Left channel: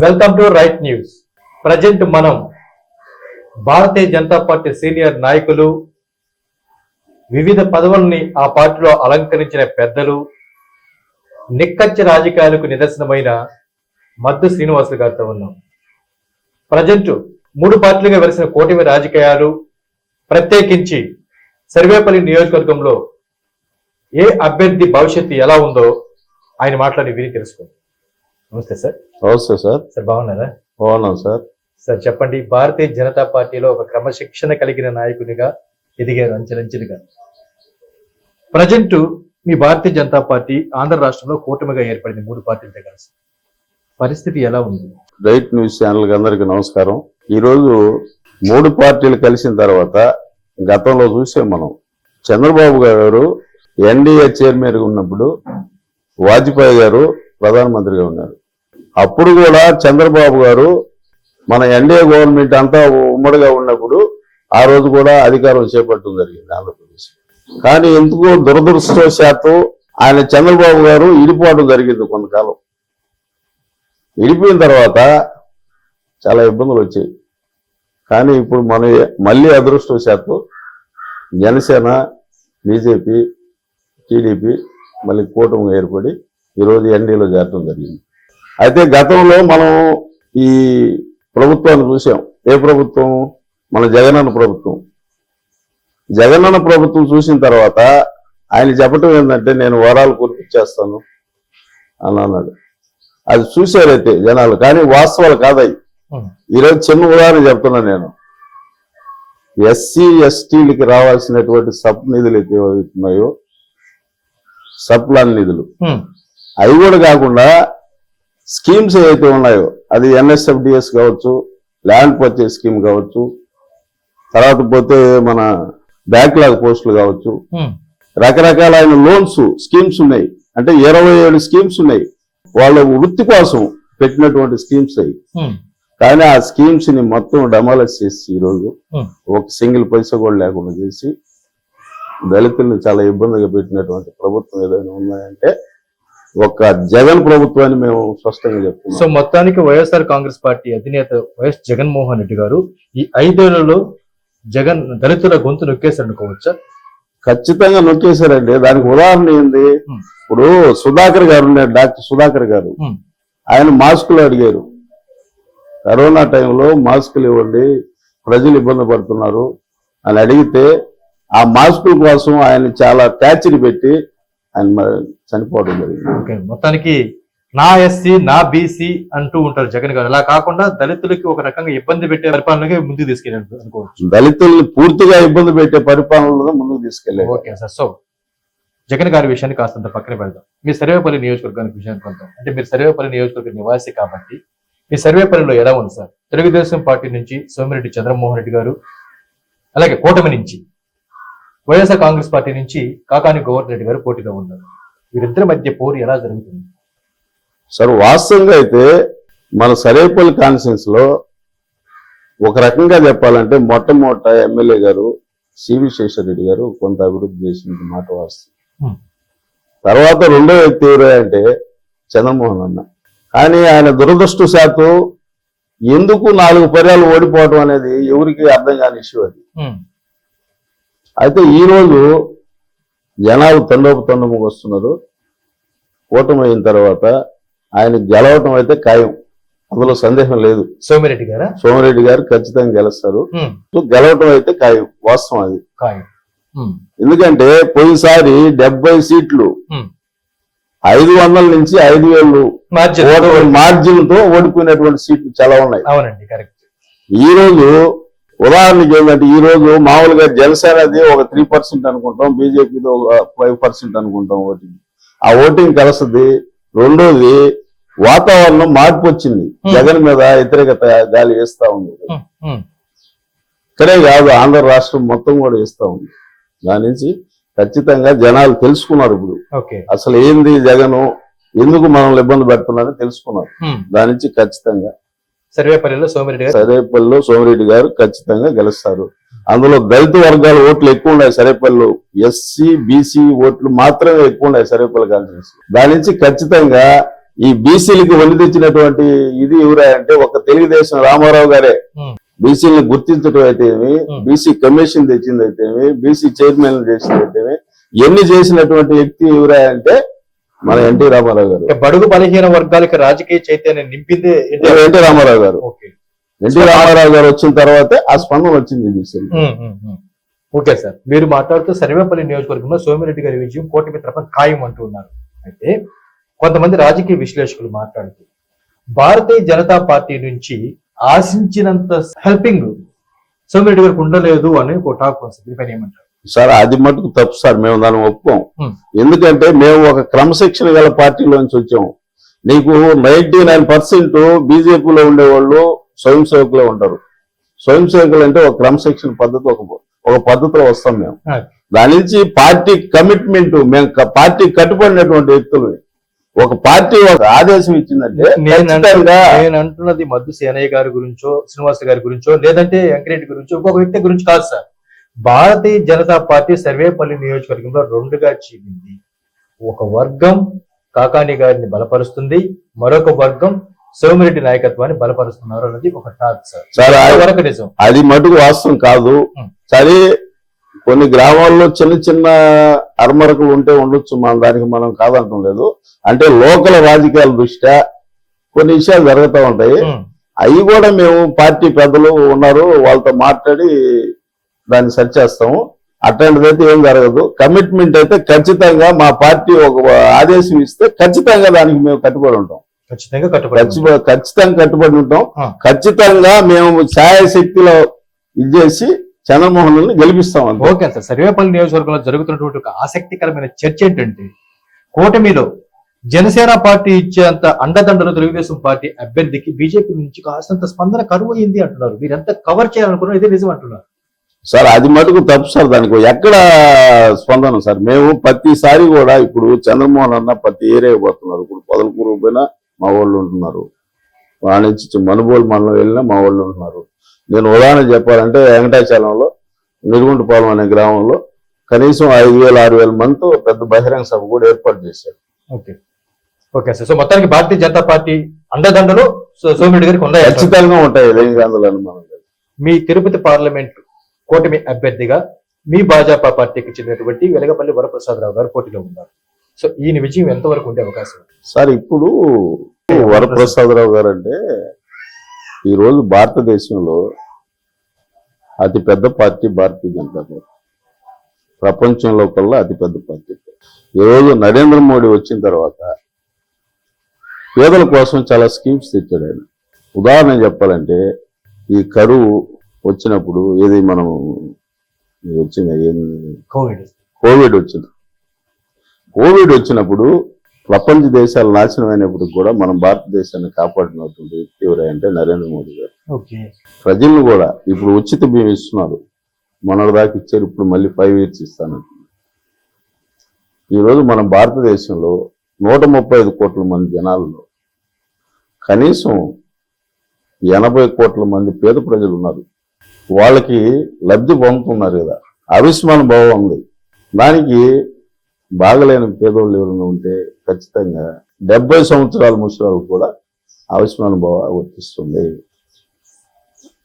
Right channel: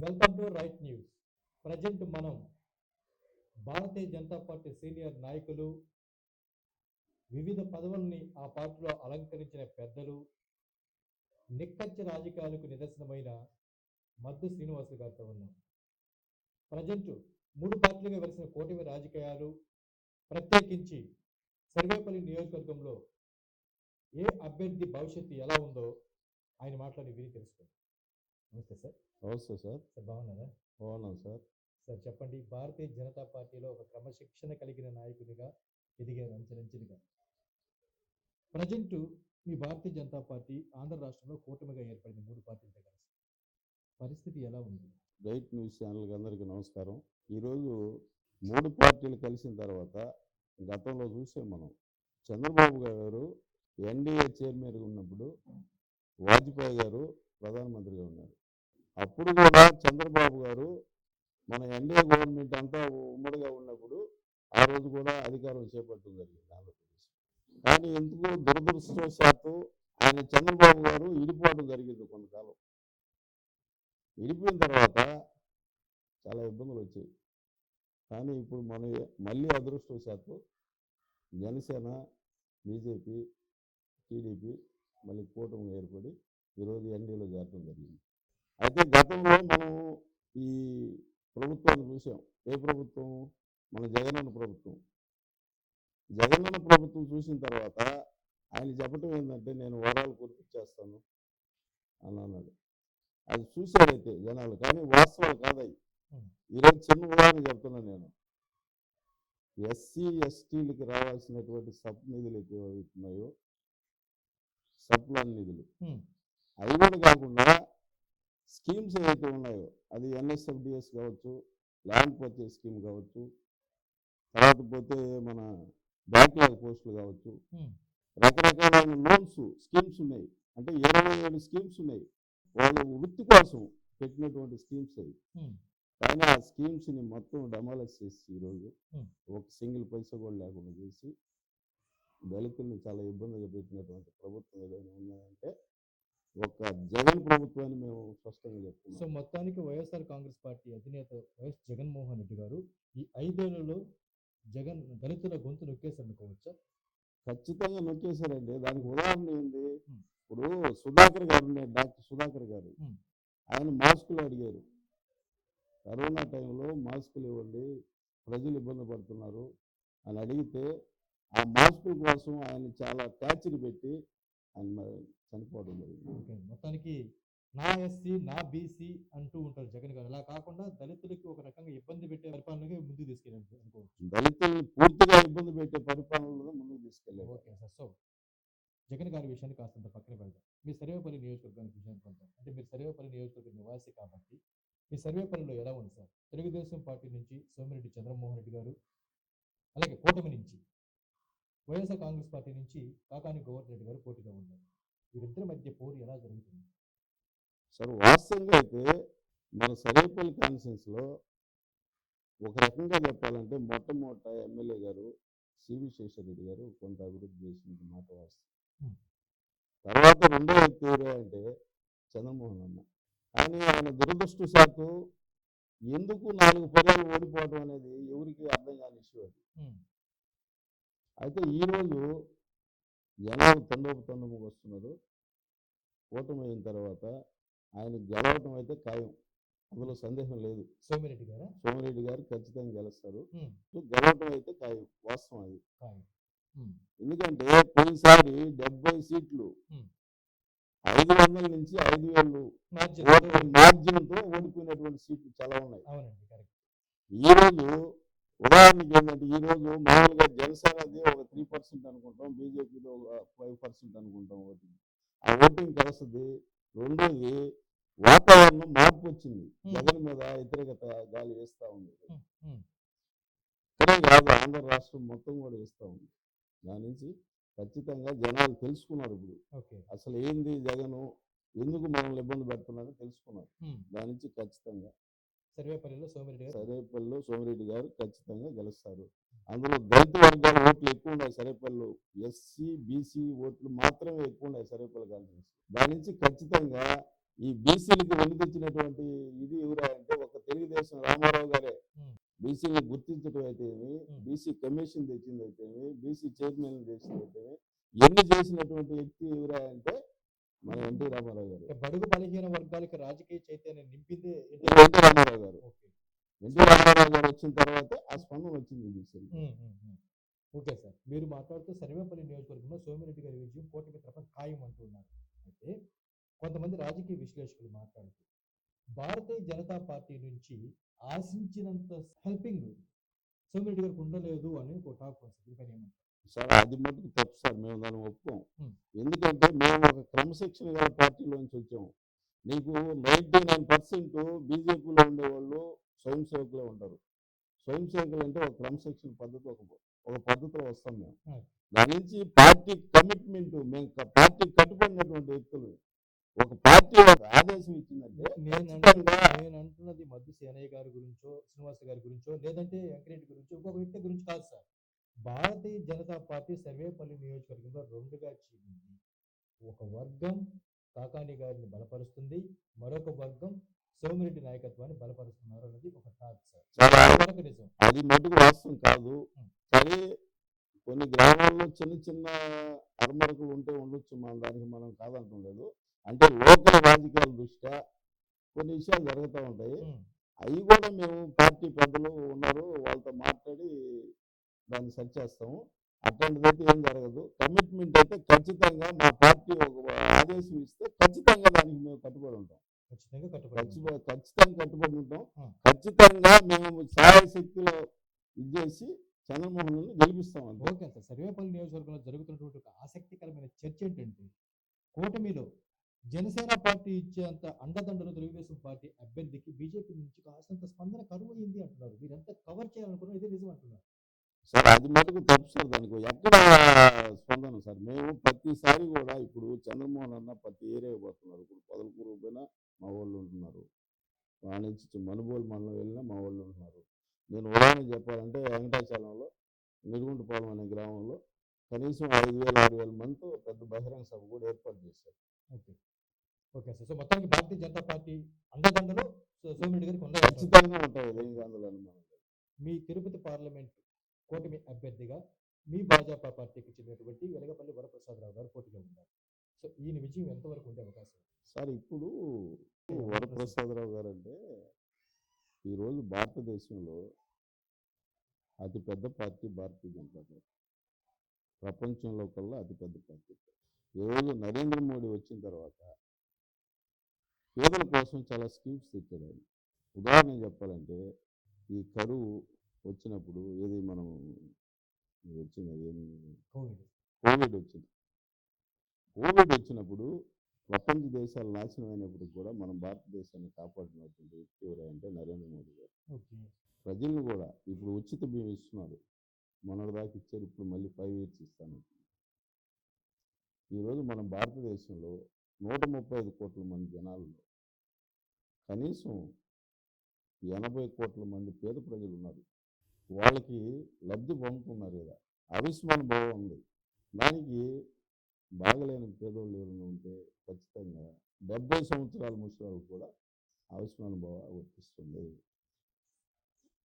Welcome to right news present మనం Bharatiya Janata party senior నాయకులు వివిధ పదవుల్ని ఆ పార్టీలో అలంకరించిన పెద్దలు నిక్కచ్చ రాజకీయాలకు నిదర్శనమైన మద్దు శ్రీనివాసులు గారితో ఉన్నాం. ప్రజెంట్ మూడు పార్టీలుగా వెలిసిన కూటమి రాజకీయాలు ప్రత్యేకించి సర్వేపల్లి నియోజకవర్గంలో ఏ అభ్యర్థి భవిష్యత్తు ఎలా ఉందో ఆయన మాట్లాడి విని తెలుసుకోండి నమస్తే సార్. నమస్తే సార్. సార్ బాగున్నారా? బాగున్నాం సార్. సార్ చెప్పండి భారతీయ జనతా పార్టీలో ఒక క్రమశిక్షణ కలిగిన నాయకునిగా ఎదిగారు అంచెలంచెలుగా. ప్రజెంట్ మీ భారతీయ జనతా పార్టీ ఆంధ్ర రాష్ట్రంలో కూటమిగా ఏర్పడింది మూడు పార్టీలతో కలిసి. పరిస్థితి ఎలా ఉంది? రైట్ న్యూస్ ఛానల్కి అందరికీ నమస్కారం. ఈరోజు మూడు పార్టీలు కలిసిన తర్వాత గతంలో చూసాం మనం. చంద్రబాబు గారు ఎన్డీఏ చైర్మన్గా ఉన్నప్పుడు వాజ్పేయి గారు ప్రధానమంత్రిగా ఉన్నారు. అప్పుడు కూడా చంద్రబాబు గారు మన ఎన్డీఏ గవర్నమెంట్ అంతా ఉమ్మడిగా ఉన్నప్పుడు ఆ రోజు కూడా అధికారం చేపట్టడం జరిగింది ఆంధ్రప్రదేశ్ కానీ ఎందుకు దురదృష్టవశాత్తు ఆయన చంద్రబాబు గారు ఇడిపోవడం జరిగింది కొంతకాలం. విడిపోయిన తర్వాత చాలా ఇబ్బందులు వచ్చాయి. కానీ ఇప్పుడు మన మళ్ళీ అదృష్టవశాత్తు జనసేన బీజేపీ టీడీపీ మళ్ళీ కూటమి ఏర్పడి ఈరోజు ఎన్డీలో చేరడం జరిగింది. అయితే గతంలో మనం ఈ ప్రభుత్వాన్ని చూసాం. ఏ ప్రభుత్వం? మన జగనన్న ప్రభుత్వం. జగనన్న ప్రభుత్వం చూసిన తర్వాత ఆయన చెప్పటం ఏంటంటే నేను వరాలు కురిపించేస్తాను అని అన్నాడు. అది చూశారైతే జనాలు కానీ వాస్తవాలు కాదయి. ఈరోజు చిన్న ఉదాహరణ చెప్తున్నా నేను. ఎస్సీ ఎస్టీలకి రావాల్సినటువంటి సబ్ నిధులు అయితే ఉన్నాయో సబ్ ప్లాన్ నిధులు. అవి కూడా కాకుండా స్కీమ్స్ ఏవైతే ఉన్నాయో అది ఎన్ఎస్ఎఫ్డిఎస్ కావచ్చు ల్యాండ్ పర్చేస్ స్కీమ్ కావచ్చు తర్వాత పోతే మన బ్యాక్లాగ్ పోస్టులు కావచ్చు. రకరకాలైన లోన్స్ స్కీమ్స్ ఉన్నాయి అంటే ఇరవై ఏడు స్కీమ్స్ ఉన్నాయి వాళ్ళ వృత్తి కోసం పెట్టినటువంటి స్కీమ్స్ అవి. కానీ ఆ స్కీమ్స్ని మొత్తం డమాలస్ చేసి ఈరోజు. ఒక సింగిల్ పైసా కూడా లేకుండా చేసి దళితుల్ని చాలా ఇబ్బందిగా పెట్టినటువంటి ప్రభుత్వం ఏదైనా ఉన్నాయంటే ఒక జగన్ ప్రభుత్వాన్ని మేము స్పష్టంగా సో చెప్తున్నాం మొత్తానికి వైఎస్ఆర్ కాంగ్రెస్ పార్టీ అధినేత వైఎస్ జగన్మోహన్ రెడ్డి గారు ఈ ఐదేళ్ళలో జగన్ దళితుల గొంతు నొక్కేశారు అనుకోవచ్చా ఖచ్చితంగా నొక్కేశారండి. దానికి ఉదాహరణ ఏంది. ఇప్పుడు సుధాకర్ గారు ఉన్నారు డాక్టర్ సుధాకర్ గారు. ఆయన మాస్కులు అడిగారు. కరోనా టైంలో మాస్కులు ఇవ్వండి ప్రజలు ఇబ్బంది పడుతున్నారు అని అడిగితే ఆ మాస్కుల కోసం ఆయన చాలా ట్యాచరీ పెట్టి ఆయన చనిపోవడం జరిగింది. ఓకే. మొత్తానికి నా ఎస్సీ నా బీసీ అంటూ ఉంటారు జగన్ గారు. అలా కాకుండా దళితులకి ఒక రకంగా ఇబ్బంది పెట్టే పరిపాలనగా ముందుకు తీసుకెళ్ళారు అనుకోవచ్చు. దళితుల్ని పూర్తిగా ఇబ్బంది పెట్టే పరిపాలనలో ముందుకు తీసుకెళ్ళేదు ఓకే సార్. సో జగన్ గారి విషయాన్ని కాస్తంత పక్కన పెడదాం. మీ సర్వేపల్లి నియోజకవర్గానికి విషయానికి కొందాం. అంటే మీరు సర్వేపల్లి నియోజకవర్గ నివాసి కాబట్టి మీ సర్వేపల్లిలో ఎలా ఉంది సార్? తెలుగుదేశం పార్టీ నుంచి సోమిరెడ్డి చంద్రమోహన్ రెడ్డి గారు అలాగే కూటమి నుంచి వైఎస్ఆర్ కాంగ్రెస్ పార్టీ నుంచి కాకాని గోవర్ధన్ రెడ్డి గారు పోటీలో ఉన్నారు. వీరిద్దరి మధ్య పోరు ఎలా జరుగుతుంది? సార్ వాస్తవంగా అయితే మన సరేపల్లి కాన్ఫరెన్స్లో ఒక రకంగా చెప్పాలంటే మొట్టమొదట ఎమ్మెల్యే గారు సివి శేషరెడ్డి గారు కొంత అభివృద్ధి చేసిన మాట వాస్తవం. Hmm. తర్వాత రెండో వ్యక్తి ఎవరు అంటే చంద్రమోహన్ అన్న. కానీ ఆయన దురదృష్టశాత్తు ఎందుకు నాలుగు పర్యాలు ఓడిపోవడం అనేది ఎవరికి అర్థం కాని ఇష్యూ అది. హ్మ్. అయితే ఈ రోజు జనాలు తండోపు తండముకు వస్తున్నారు. కూటమి అయిన తర్వాత ఆయన గెలవటం అయితే ఖాయం. అందులో సందేహం లేదు. సోమిరెడ్డి గారా? సోమిరెడ్డి గారు ఖచ్చితంగా గెలుస్తారు. గెలవటం అయితే ఖాయం. వాస్తవం అది. ఎందుకంటే పోయినసారి డెబ్బై సీట్లు. ఐదు వందల నుంచి ఐదు వేలు మార్జిన్. మార్జిన్తో ఓడిపోయినటువంటి సీట్లు చాలా ఉన్నాయి. అవునండి కరెక్ట్. ఈ రోజు ఉదాహరణకి ఏంటంటే ఈ రోజు మామూలుగా జనసేనది ఒక త్రీ పర్సెంట్ అనుకుంటాం బీజేపీది ఒక ఫైవ్ పర్సెంట్ అనుకుంటాం ఓటింగ్. ఆ ఓటింగ్ కలుస్తుంది. రెండోది వాతావరణం మార్పు వచ్చింది. Hmm. జగన్ మీద వ్యతిరేకత గాలి వేస్తా ఉంది. హ్మ్. హ్మ్. ఇక్కడే కాదు ఆంధ్ర రాష్ట్రం మొత్తం కూడా వేస్తా ఉంది. దాని నుంచి ఖచ్చితంగా జనాలు తెలుసుకున్నారు ఇప్పుడు. అసలు ఏంది జగన్? ఎందుకు మనల్ని ఇబ్బంది పెడుతున్నారని తెలుసుకున్నారు. దాని నుంచి ఖచ్చితంగా సర్వేపల్లిలో సోమిరెడ్డి గారు. సరేపల్లిలో సోమిరెడ్డి గారు ఖచ్చితంగా గెలుస్తారు. అందులో దళిత వర్గాల ఓట్లు ఎక్కువ ఉన్నాయి సరేపల్లిలో ఎస్సీ బీసీ ఓట్లు మాత్రమే ఎక్కువ ఉన్నాయి సరేపల్లి కాన్ఫరెన్స్ దాని నుంచి ఖచ్చితంగా ఈ బీసీలకి వల్లి తెచ్చినటువంటి ఇది ఎవరా అంటే ఒక తెలుగుదేశం రామారావు గారే. బీసీలను గుర్తించడం అయితేమి. బీసీ కమిషన్ తెచ్చింది అయితేమి బీసీ చైర్మన్ చేసింది అయితేమి ఎన్ని చేసినటువంటి వ్యక్తి ఎవరా అంటే మన ఎన్టీ రామారావు గారు. బడుగు బలహీన వర్గాలకి రాజకీయ చైతన్యం నింపిందే ఎన్టీఆర్. ఎన్టీ రామారావు గారు. ఓకే. ఎన్టీ రామారావు గారు వచ్చిన తర్వాతే ఆ స్పందన వచ్చింది ఉమ్, ఉమ్. Okay sir. మీరు మాట్లాడుతూ సర్వేపల్లి నియోజకవర్గంలో సోమిరెడ్డి గారి విజయం కూటమి తరఫున ఖాయం అంటూ ఉన్నారు. అయితే కొంతమంది రాజకీయ విశ్లేషకులు మాట్లాడుతూ భారతీయ జనతా పార్టీ నుంచి ఆశించినంత హెల్పింగ్ సోమిరెడ్డి గారికి ఉండలేదు అని ఒక టాక్ వస్తుంది. దీనిపైన ఏమంటారు? సార్ అది మటుకు తప్పు సార్ మేము దాన్ని ఒప్పుకోం. ఎందుకంటే మేము ఒక క్రమశిక్షణ గల పార్టీలోంచి వచ్చాము. నీకు నైన్టీ నైన్ పర్సెంట్ బీజేపీలో ఉండేవాళ్ళు స్వయం సేవకులే ఉంటారు. స్వయం సేవకులు అంటే ఒక క్రమశిక్షణ పద్ధతి ఒక ఒక పద్ధతిలో వస్తాం మేము. దాని నుంచి పార్టీ కమిట్మెంట్ మేము పార్టీ కట్టుబడినటువంటి వ్యక్తులు. ఒక పార్టీ ఒక ఆదేశం ఇచ్చిందంటే నేను అంటున్నది మద్దు సేనయ్య గారి గురించో శ్రీనివాస్ గారి గురించో లేదంటే వెంకరెడ్డి గురించో ఇంకొక వ్యక్తి గురించి కాదు సార్. భారతీయ జనతా పార్టీ సర్వేపల్లి నియోజకవర్గంలో రెండుగా చీలింది. ఒక వర్గం కాకాని గారిని బలపరుస్తుంది మరొక వర్గం సోమిరెడ్డి నాయకత్వాన్ని బలపరుస్తున్నారు అన్నది ఒక టాక్ నిజం. అది మటుకు వాస్తవం కాదు. సరే కొన్ని గ్రామాల్లో చిన్న చిన్న అరమరకలు ఉంటే ఉండొచ్చు మన దానికి మనం కాదంటం లేదు. అంటే లోకల్ రాజకీయాల దృష్ట్యా కొన్ని విషయాలు జరుగుతూ ఉంటాయి. అవి కూడా మేము పార్టీ పెద్దలు ఉన్నారు వాళ్ళతో మాట్లాడి దాన్ని సరి చేస్తాము. అట్లాంటిదైతే ఏం జరగదు. కమిట్మెంట్ అయితే ఖచ్చితంగా మా పార్టీ ఒక ఆదేశం ఇస్తే ఖచ్చితంగా దానికి మేము కట్టుబడి ఉంటాం. ఖచ్చితంగా కట్టుబడి. ఖచ్చితంగా కట్టుబడి ఉంటాం. ఖచ్చితంగా మేము ఛాయశక్తిలో ఇది చేసి చంద్రమోహన్ గెలిపిస్తాం ఓకే సార్. సర్వేపల్లి నియోజకవర్గంలో జరుగుతున్నటువంటి ఒక ఆసక్తికరమైన చర్చ ఏంటంటే కూటమిలో జనసేన పార్టీ ఇచ్చేంత అండదండలు తెలుగుదేశం పార్టీ అభ్యర్థికి బీజేపీ నుంచి కాస్తంత స్పందన కరువు అయింది అంటున్నారు. మీరు ఎంత కవర్ చేయాలనుకున్నారు ఇదే నిజం అంటున్నారు. సార్ అది మటుకు తప్పు సార్ దానికి. ఎక్కడ స్పందన సార్? మేము ప్రతిసారి కూడా ఇప్పుడు చంద్రమోహన్ అన్న ప్రతి ఏరియా పోతున్నారు. ఇప్పుడు పొదలకూరు పోయినా మా వాళ్ళు ఉంటున్నారు. నుంచి మనుబోలు మండలం వెళ్ళినా మా వాళ్ళు ఉంటున్నారు. నేను ఉదాహరణ చెప్పాలంటే వెంకటాచలంలో నిరుగుంటపాలెం అనే గ్రామంలో కనీసం ఐదు వేల ఆరు వేల మందితో పెద్ద బహిరంగ సభ కూడా ఏర్పాటు చేశారు. ఓకే. Okay sir. సో మొత్తానికి భారతీయ జనతా పార్టీ అండదండలు సోమిరెడ్డి గారికి ఉన్నాయి. ఖచ్చితంగా ఉంటాయి. లేని అందులో అనుమానం లేదు మీ తిరుపతి పార్లమెంట్ కూటమి అభ్యర్థిగా మీ భాజపా పార్టీకి చెందినటువంటి వెలగపల్లి వరప్రసాదరావు గారు పోటీలో ఉన్నారు. సో ఈయన విజయం ఎంతవరకు ఉండే అవకాశం ఉంది? సార్ ఇప్పుడు వరప్రసాదరావు గారు అంటే ఈరోజు భారతదేశంలో అతి పెద్ద పార్టీ భారతీయ జనతా పార్టీ. ప్రపంచంలో కల్లా అతి పెద్ద పార్టీ ఈరోజు నరేంద్ర మోడీ వచ్చిన తర్వాత పేదల కోసం చాలా స్కీమ్స్ తెచ్చాడు ఆయన. ఉదాహరణ చెప్పాలంటే ఈ కరువు వచ్చినప్పుడు ఏది మనం వచ్చింది? కోవిడ్. కోవిడ్ వచ్చింది. కోవిడ్ వచ్చినప్పుడు ప్రపంచ దేశాలు నాశనం అయినప్పుడు కూడా మనం భారతదేశాన్ని కాపాడినటువంటి వ్యక్తి ఎవరంటే నరేంద్ర మోడీ గారు. ప్రజలను కూడా ఇప్పుడు ఉచిత బియ్యం ఇస్తున్నారు. మొన్నటి దాకా ఇచ్చారు ఇప్పుడు మళ్ళీ ఫైవ్ ఇయర్స్ ఇస్తాను ఈరోజు మన భారతదేశంలో నూట ముప్పై ఐదు కోట్ల మంది జనాల్లో కనీసం ఎనభై కోట్ల మంది పేద ప్రజలు ఉన్నారు. వాళ్ళకి లబ్ధి పొందుతున్నారు కదా. ఆయుష్మాన్ భావం ఉంది. దానికి బాగలేని పేదోళ్ళు ఎవరైనా ఉంటే ఖచ్చితంగా డెబ్బై సంవత్సరాల ముసలాలు కూడా ఆయుష్మాన్ భావ వర్తిస్తుంది.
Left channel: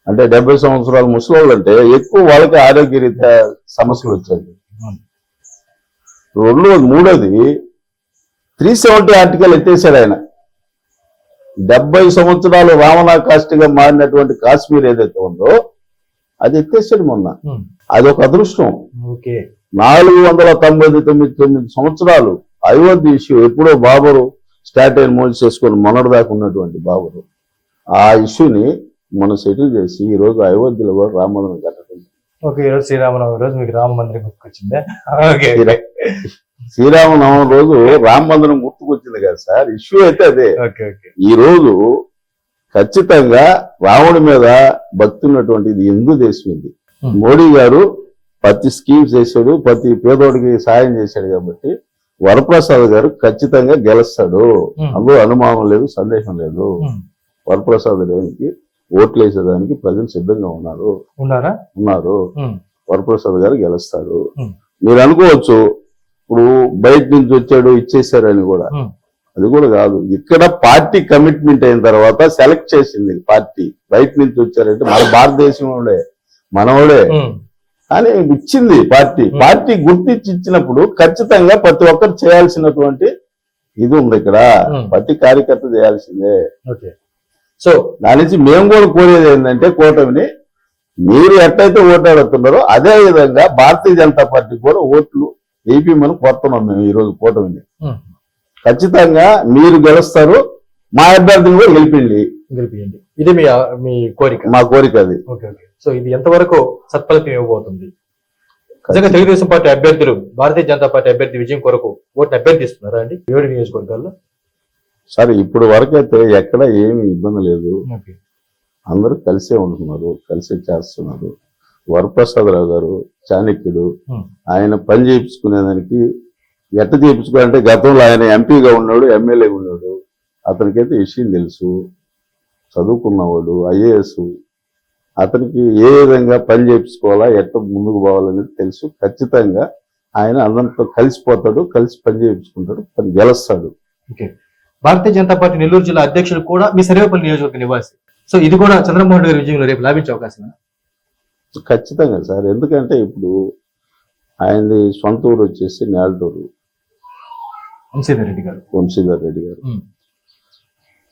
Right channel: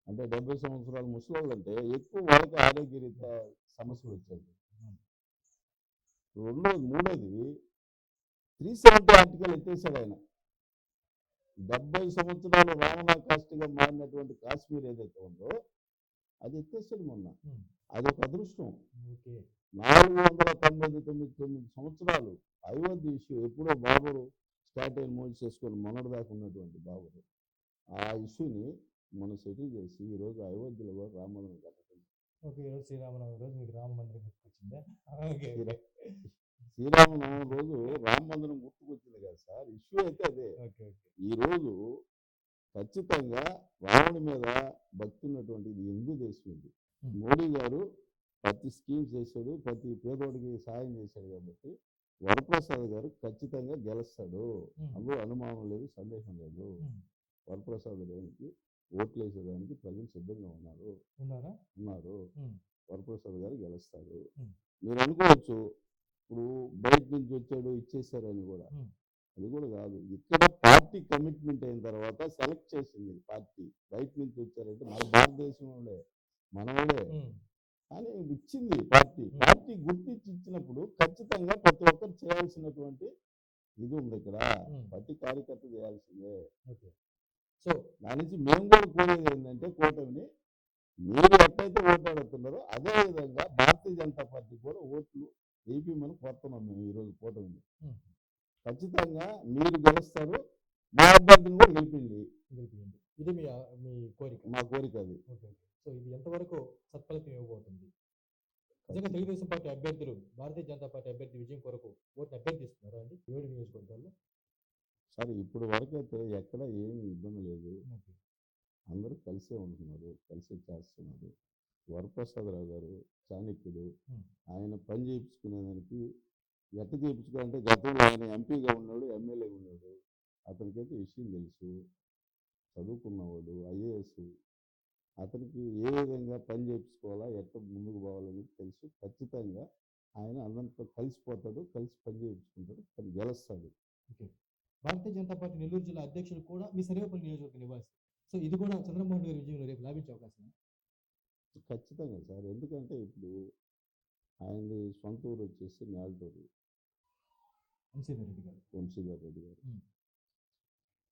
అంటే డెబ్బై సంవత్సరాల ముసలి అంటే ఎక్కువ వాళ్ళకి ఆరోగ్యరీత్యా సమస్యలు వచ్చాయి. రెండు మూడోది త్రీ సెవెంటీ ఆర్టికల్ ఎత్తేసాడు ఆయన. డెబ్బై సంవత్సరాలు రావణా కాస్ట్గా మారినటువంటి కాశ్మీర్ ఏదైతే ఉందో అది ఎత్తేసాడు మొన్న. అది ఒక అదృష్టం. ఓకే. నాలుగు వందల తొంభై తొమ్మిది తొమ్మిది సంవత్సరాలు అయోధ్య ఇష్యూ ఎప్పుడో బాబరు స్టార్ట్ అయిన మోజు చేసుకొని మొన్నటి దాకా ఉన్నటువంటి బాబరు. ఆ ఇష్యూని మనం సెటిల్ చేసి ఈ రోజు అయోధ్యలో కూడా రామ మందిరం కట్టడం ఓకే ఈరోజు శ్రీరామనవమి రోజు మీకు రామ మందిరం గుర్తుకొచ్చిందా? శ్రీరామనవమి రోజు రామ మందిరం గుర్తుకొచ్చింది కదా సార్. ఇష్యూ అయితే అదే. Okay okay. ఈ రోజు ఖచ్చితంగా రాముడి మీద భక్తి ఉన్నటువంటి ఇది హిందూ దేశం ఇది Hmm. మోడీ గారు ప్రతి స్కీమ్స్ చేశాడు ప్రతి పేదోడికి సాయం చేశాడు కాబట్టి వరప్రసాద్ గారు ఖచ్చితంగా గెలుస్తాడు. అందులో అనుమానం లేదు సందేహం లేదు. వరప్రసాద్ గారికి ఓట్లు వేసేదానికి ప్రజలు సిద్ధంగా ఉన్నారు ఉన్నారా. వరప్రసాద్ గారు గెలుస్తారు Hmm. మీరు అనుకోవచ్చు ఇప్పుడు బయట నుంచి వచ్చాడు ఇచ్చేసారని కూడా. అది కూడా కాదు. ఇక్కడ పార్టీ కమిట్మెంట్ అయిన తర్వాత సెలెక్ట్ చేసింది పార్టీ. బయట నుంచి వచ్చారంటే మన భారతదేశం వాళ్ళే మనవాడే కానీ ఇచ్చింది పార్టీ. పార్టీ గుర్తించి ఇచ్చినప్పుడు ఖచ్చితంగా ప్రతి ఒక్కరు చేయాల్సినటువంటి ఇది ఉంది ఇక్కడ. ప్రతి కార్యకర్త చేయాల్సిందే. సో దాని నుంచి మేము కూడా కోరేది ఏంటంటే కూటమిని మీరు ఎట్టయితే ఓటాడుతున్నారో అదే విధంగా భారతీయ జనతా పార్టీ కూడా ఓట్లు వేయమని కోరుతున్నాం మేము ఈ రోజు కూటమిని ఖచ్చితంగా మీరు గెలుస్తారు. మా అభ్యర్థిని కూడా గెలిపిండి. గెలిపియండి ఇది మీ మీ కోరిక? మా కోరిక అది. Okay okay. సో ఇది ఎంతవరకు సత్ఫలితం ఇవ్వబోతుంది? నిజంగా తెలుగుదేశం పార్టీ అభ్యర్థులు భారతీయ జనతా పార్టీ అభ్యర్థి విజయం కొరకు ఓటుని అభ్యర్థిస్తున్నారా అండి? ఏడు నియోజకవర్గాల్లో? సరే ఇప్పుడు వరకైతే ఎక్కడ ఏమి ఇబ్బంది లేదు. అందరూ కలిసే ఉంటున్నారు కలిసే చేస్తున్నారు. వరప్రసాదరావు గారు చాణక్యుడు. ఆయన పని చేయించుకునేదానికి ఎట్ట చేయించుకోవాలంటే గతంలో ఆయన ఎంపీగా ఉన్నాడు ఎమ్మెల్యేగా ఉన్నాడు. అతనికైతే విషయం తెలుసు. చదువుకున్నవాడు ఐఏఎస్. అతనికి ఏ విధంగా పని చేయించుకోవాలా ఎట్ట ముందుకు పోవాలనేది తెలుసు. ఖచ్చితంగా ఆయన అందరితో కలిసిపోతాడు కలిసి పని చేయించుకుంటాడు పని గెలుస్తాడు. ఓకే. భారతీయ జనతా పార్టీ నెల్లూరు జిల్లా అధ్యక్షులు కూడా మీ సర్వేపల్లి నియోజకవర్గ నివాసి. సో ఇది కూడా చంద్రమోహన్ గారి విజయంలో రేపు లాభించే అవకాశం ఖచ్చితంగా సార్. ఎందుకంటే ఇప్పుడు ఆయనది సొంత ఊరు వచ్చేసి నేలటూరు. వంశీధర్ రెడ్డి గారు. వంశీధర్ రెడ్డి గారు.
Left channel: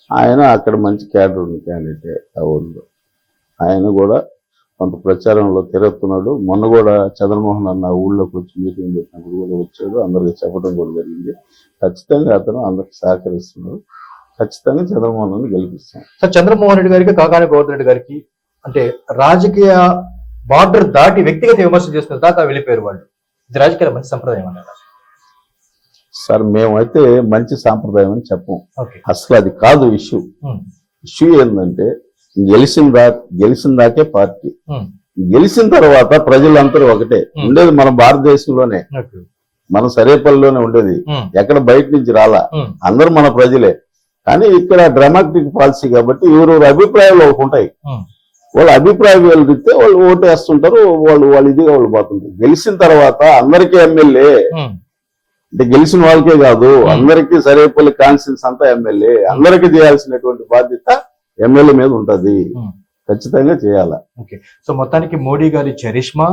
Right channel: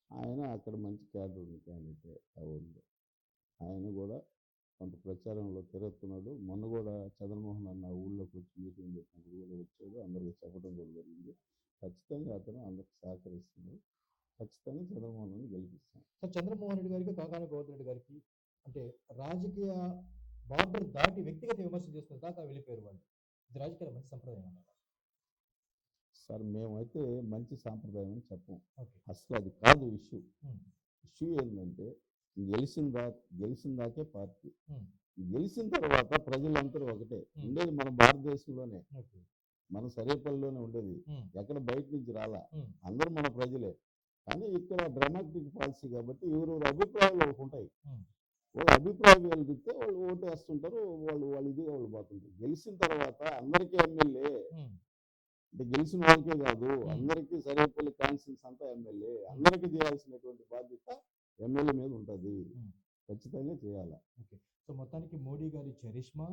ఆయన అక్కడ మంచి క్యాడర్ ఉంది క్యాండిడేట్ ఆ ఊళ్ళో ఆయన కూడా కొంత ప్రచారంలో తిరుగుతున్నాడు మొన్న కూడా చంద్రమోహన్ అన్న ఊళ్ళోకి వచ్చి మీటింగ్ పెట్టినప్పుడు కూడా వచ్చాడు. అందరికి చెప్పడం కూడా జరిగింది. ఖచ్చితంగా అతను అందరికి సహకరిస్తున్నాడు. ఖచ్చితంగా చంద్రమోహన్ అని గెలిపిస్తాం. సార్ చంద్రమోహన్ రెడ్డి గారికి కాకాని గోవర్ధన్ రెడ్డి గారికి అంటే రాజకీయ బార్డర్ దాటి వ్యక్తిగత విమర్శలు చేసుకున్న దాకా వెళ్ళిపోయారు వాళ్ళు. ఇది రాజకీయాల మంచి సంప్రదాయం అన్నారు సార్ మేమైతే మంచి సాంప్రదాయం అని చెప్పం. అసలు అది కాదు ఇష్యూ. ఇష్యూ ఏంటంటే గెలిచిన దా గెలిచిన దాకే పార్టీ. గెలిచిన తర్వాత ప్రజలందరూ ఒకటే. ఉండేది మన భారతదేశంలోనే. మన సరేపల్లిలోనే ఉండేది. ఎక్కడ బయట నుంచి రాలా. అందరూ మన ప్రజలే. కానీ ఇక్కడ డ్రామాటిక్ పాలసీ కాబట్టి ఎవరెవరు అభిప్రాయాలు ఒకటి ఉంటాయి. వాళ్ళ అభిప్రాయం వెళ్తే వాళ్ళు ఓటు వేస్తుంటారు వాళ్ళు వాళ్ళు ఇదిగా వాళ్ళు పోతుంటారు. గెలిచిన తర్వాత అందరికీ ఎమ్మెల్యే. అంటే గెలిచిన వాళ్ళకే కాదు అందరికీ సరేపల్లి కాన్స్టిట్యూన్స్ అంతా ఎమ్మెల్యే అందరికీ చేయాల్సినటువంటి బాధ్యత ఎమ్మెల్యే మీద ఉంటది. ఖచ్చితంగా చేయాల. సో మొత్తానికి మోడీ గారి చరిష్మా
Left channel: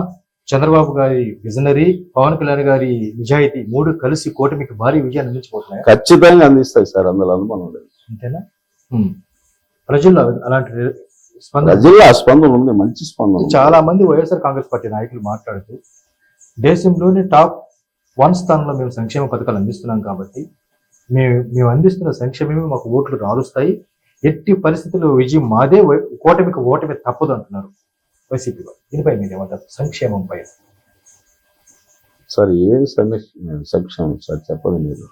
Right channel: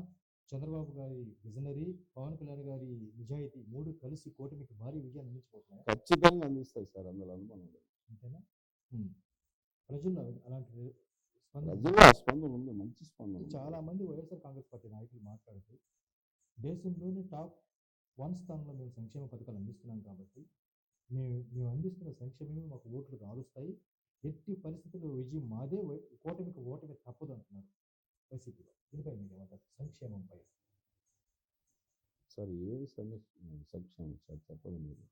చంద్రబాబు గారి విజనరీ పవన్ కళ్యాణ్ గారి నిజాయితీ మూడు కలిసి కూటమికి భారీ విజయాన్ని అందించబోతున్నాయి? ఖచ్చితంగా అందిస్తాయి సార్ అందులో అనుమానం లేదు. అంతేనా. ప్రజల్లో అలాంటి స్పందన? ప్రజల్లో ఆ స్పందన ఉంది మంచి స్పందన. చాలా మంది వైఎస్ఆర్ కాంగ్రెస్ పార్టీ నాయకులు మాట్లాడుతూ దేశంలోనే టాప్ వన్ స్థానంలో మేము సంక్షేమ పథకాలు అందిస్తున్నాం కాబట్టి మేము మేము అందిస్తున్న సంక్షేమమే మాకు ఓట్లు రాలుస్తాయి. ఎట్టి పరిస్థితుల్లో విజయం మాదే కూటమికి ఓటమి తప్పదు అంటున్నారు వైసీపీ వారు. దీనిపై మీరు ఏమంటారు? సంక్షేమం పై సార్ ఏ సమస్య సంక్షేమం సార్? చెప్పండి మీరు.